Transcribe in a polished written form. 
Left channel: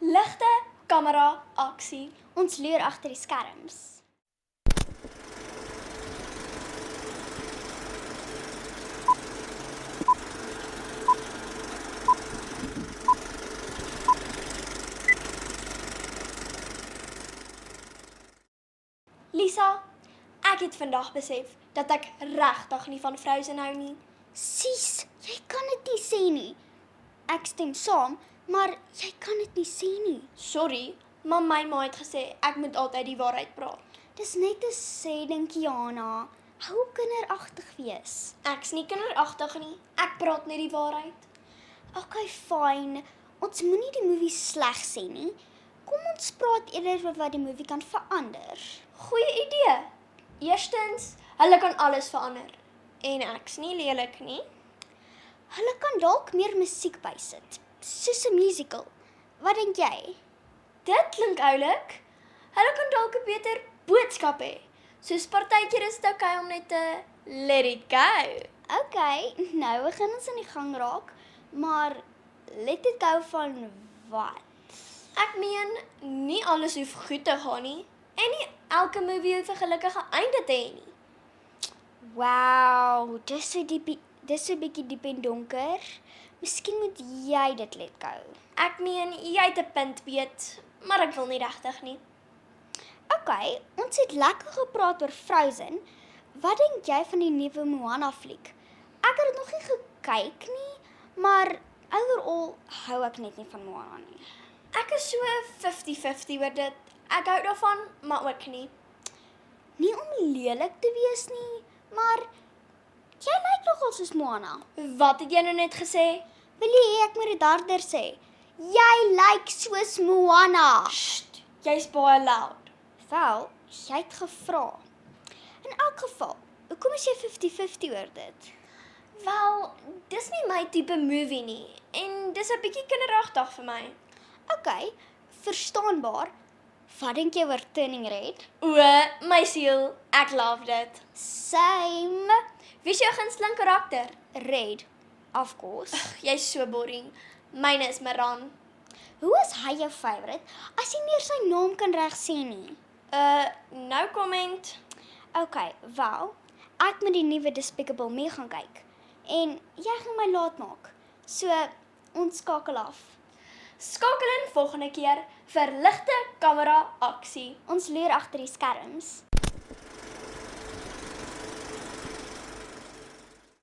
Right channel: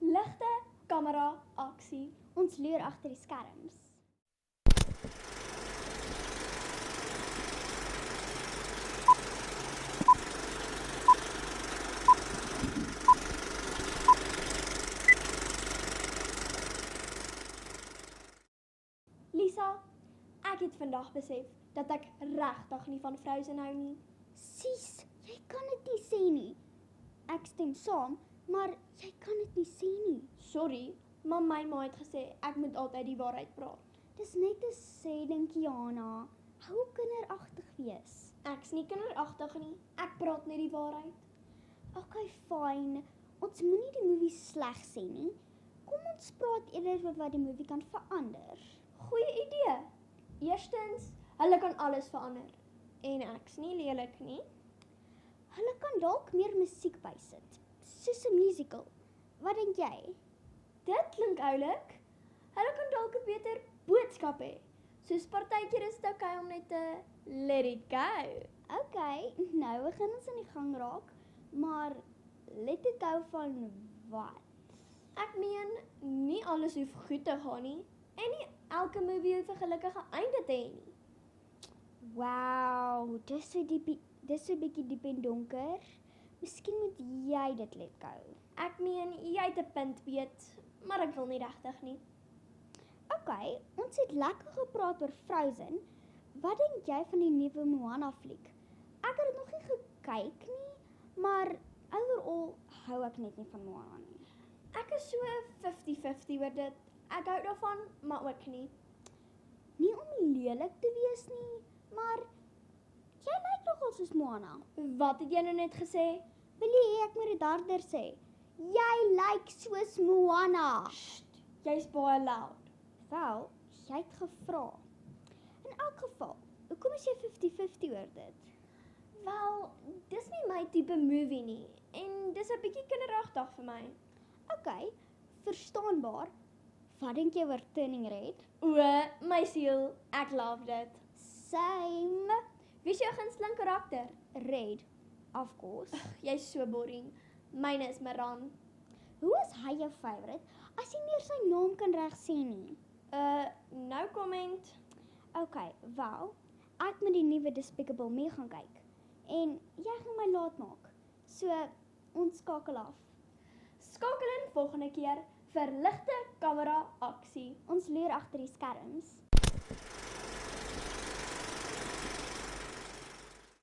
Ligte, kamera, aksie. Ons leer agter die skerms. Lisa, ek het vandag besef dat ek regtig nie van Frozen hou nie. Sies, jy kan dit nie sê nie. Ek stem saam, maar jy kan dit nie sê nie. Sorry, maar my ma het gesê ek moet altyd die waarheid praat. Dis net 'n sê ding, Kiana. Hou kinderagtig wees. Ek's nie kinderagtig nie. Ek praat net die waarheid. Okay, fyn. Ons moenie die movie sleg sê nie. Kom ons praat eerder oor wat die movie kan verander. Goeie idee. Eerstens, hulle kan alles verander. En ek's nie lelik nie. Hulle kan dalk meer musiek bysit, soos 'n musical. Wat dink jy? Dit klink oulik. Hulle kan dalk 'n beter boodskap hê. Soos partykeer is dit okay om net te let it go. Okay, nou begin ons in die gang raak, maar let dit gou van wat? Ek meen, nie alles hoef goed te gaan nie. En nie elke movie hoef 'n gelukkige einde te hê nie. Wow, dis so bietjie diep en donker. Miskien moet jy dit let gou. Ek meen, jy het 'n punt, Piet, maar ek wil nie regtig nie. Okay, ons het lekker gepraat oor Frozen. Wat dink jy van die nuwe Moana fliek? Ek het dit nog nie gekyk nie, maar overall hou ek net nie van Moana nie. Ek is so 50-50 oor dit. Ek hou daarvan, maar ook nie. Nie om lelik te wees nie, maar jy lyk nogal soos Moana. Wat het jy nou net gesê? Wil jy hê ek moet dit harder sê? Jy lyk soos Moana. Sst, jy's baie loud. Wel, jy het gevra. In elk geval, hoekom is jy 50-50 oor dit? Wel, dis nie my tipe movie nie. En dis 'n bietjie kinderagtig vir my. Okay, verstaanbaar. Wat dink jy oor Turning Red? O, my siel, ek love dit. Same. Wie is jou gunsteling karakter? Red, of course. Jy's so boring. Myne is Maran. Hoe is hy jou favourite as jy nie eers sy naam kan reg sê nie? No comment. Okay, wel, ek moet die nuwe Despicable Me gaan kyk. En jy gaan my laat maak. So, ons skakel af. Skakel in volgende keer vir ligte, kamera, aksie. Ons leer agter die skerms.